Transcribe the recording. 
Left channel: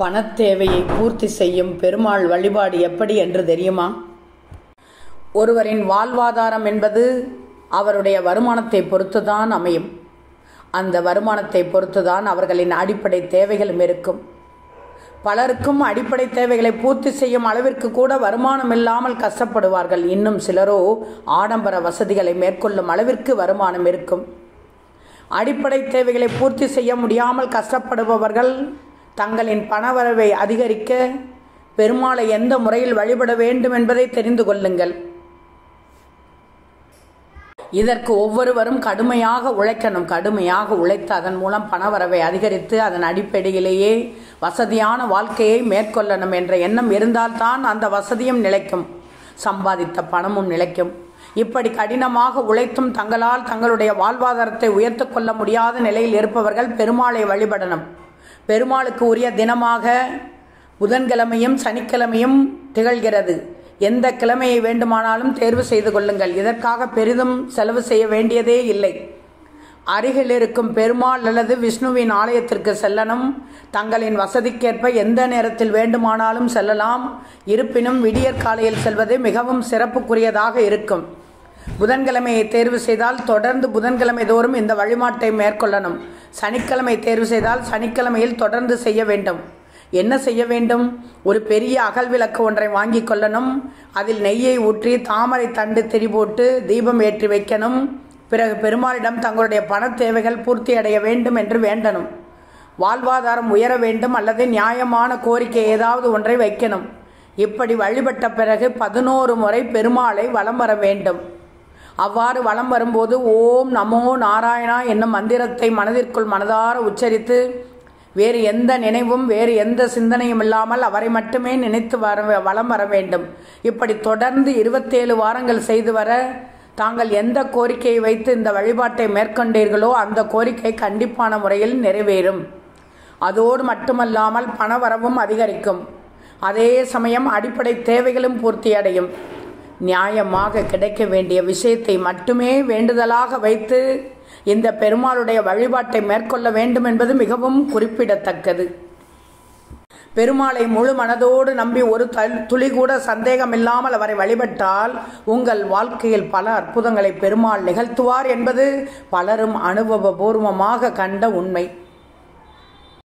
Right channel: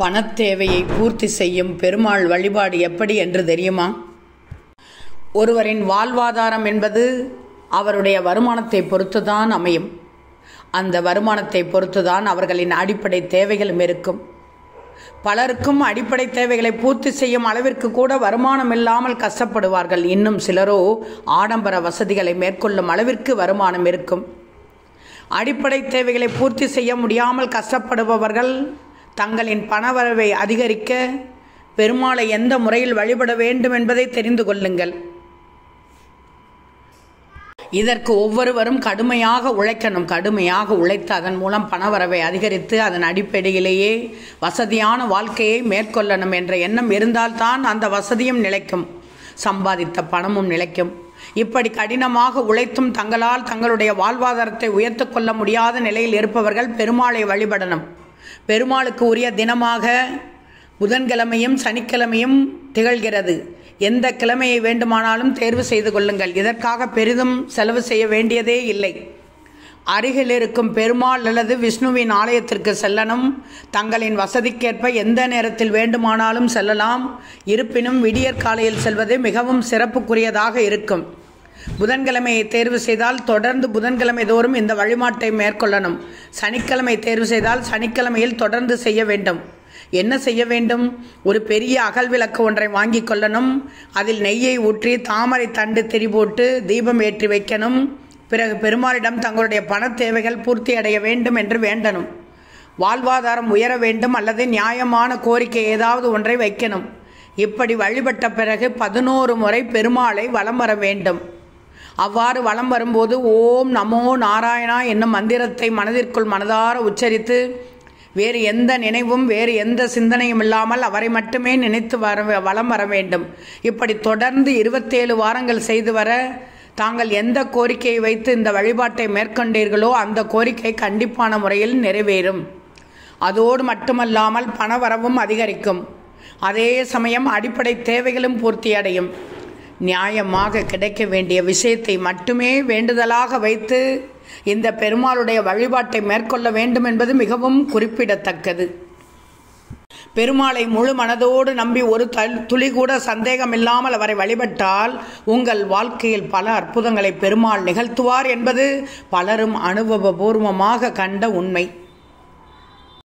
பணத்தேவையை பூர்த்தி செய்யும் பெருமாள் வழிபாடு எப்படி என்று தெரியுமா? ஒருவரின் வாழ்வாதாரம் என்பது அவருடைய வருமானத்தை பொறுத்துதான் அமையும். அந்த வருமானத்தை பொறுத்துதான் அவர்களின் அடிப்படை தேவைகளும் இருக்கும். பலருக்கும் அடிப்படை தேவைகளை பூர்த்தி செய்யும் அளவிற்கு கூட வருமானம் இல்லாமல் கஷ்டப்படுவார்கள். இன்னும் சிலரோ ஆடம்பர வசதிகளை மேற்கொள்ளும் அளவிற்கு வருமானம் இருக்கும். அடிப்படை தேவைகளை பூர்த்தி செய்ய முடியாமல் கஷ்டப்படுபவர்கள் தங்களின் பணவரவை அதிகரிக்க பெருமாளை எந்த முறையில் வழிபட வேண்டும் என்பதை தெரிந்து கொள்ளுங்கள். இதற்கு ஒவ்வொருவரும் கடுமையாக உழைக்கணும். கடுமையாக உழைத்து அதன் மூலம் பணவரவை அதிகரித்து அதன் அடிப்படையிலேயே வசதியான வாழ்க்கையை மேற்கொள்ளணும் என்ற எண்ணம் இருந்தால்தான் அந்த வசதியும் நிலைக்கும், சம்பாதித்த பணமும் நிலைக்கும். இப்படி கடினமாக உழைத்தும் தங்களால் தங்களுடைய வாழ்வாதாரத்தை உயர்த்து கொள்ள முடியாத நிலையில் இருப்பவர்கள் பெருமாளை வழிபடணும். பெருமாளுக்கு உரிய தினமாக புதன்கிழமையும் சனிக்கிழமையும் திகழ்கிறது. எந்த கிழமையை வேண்டுமானாலும் தேர்வு செய்து கொள்ளுங்கள். இதற்காக பெரிதும் செலவு செய்ய வேண்டியதே இல்லை. அருகில் இருக்கும் பெருமாள் அல்லது விஷ்ணுவின் ஆலயத்திற்கு செல்லணும். தங்களின் வசதிக்கேற்ப எந்த நேரத்தில் வேண்டுமானாலும் செல்லலாம். இருப்பினும் விடியற் காலையில் செல்வது மிகவும் சிறப்புக்குரியதாக இருக்கும். புதன்கிழமையை தேர்வு செய்தால் தொடர்ந்து புதன்கிழமை தோறும் இந்த வழிபாட்டை மேற்கொள்ளணும். சனிக்கிழமை தேர்வு செய்தால் சனிக்கிழமையில் தொடர்ந்து செய்ய வேண்டும். என்ன செய்ய வேண்டும்? ஒரு பெரிய அகல் விளக்கு ஒன்றை வாங்கி கொள்ளணும். அதில் நெய்யை ஊற்றி தாமரை தண்டு திரி போட்டு தீபம் ஏற்றி வைக்கணும். பிறகு பெருமாளிடம் தங்களுடைய பண தேவைகள் பூர்த்தி அடைய வேண்டும் என்று வேண்டணும். வாழ்வாதாரம் உயர வேண்டும் அல்லது நியாயமான கோரிக்கை ஏதாவது ஒன்றை வைக்கணும். இப்படி வழிபட்ட பிறகு 11 முறை பெருமாளை வலம் வர வேண்டும். அவ்வாறு வலம் வரும்போது ஓம் நமோ நாராயணா என்னும் மந்திரத்தை மனதிற்குள் மனதார உச்சரித்து வேறு எந்த நினைவும் வேறு எந்த சிந்தனையும் இல்லாமல் அவரை மட்டுமே நினைத்து வலம் வர வேண்டும். இப்படி தொடர்ந்து 27 வாரங்கள் செய்து வர தாங்கள் எந்த கோரிக்கையை வைத்து இந்த வழிபாட்டை மேற்கொண்டீர்களோ அந்த கோரிக்கை கண்டிப்பான முறையில் நிறைவேறும். அதோடு மட்டுமல்லாமல் பணவரவும் அதிகரிக்கும். அதே சமயம் அடிப்படை தேவைகளும் பூர்த்தியடையும். நியாயமாக கிடைக்க வேண்டிய விஷயத்தை மட்டுமே வேண்டுதலாக வைத்து இந்த பெருமாளுடைய வழிபாட்டை மேற்கொள்ள வேண்டும் என்பது மிகவும் குறிப்பிடத்தக்கது. பெருமாளை முழு மனதோடு நம்பி ஒரு துளி கூட சந்தேகம் இல்லாமல் அவரை வழிபட்டால் உங்கள் வாழ்க்கையில் பல அற்புதங்களை பெருமாள் நிகழ்த்துவார் என்பது பலரும் அனுபவபூர்வமாக கண்ட உண்மை.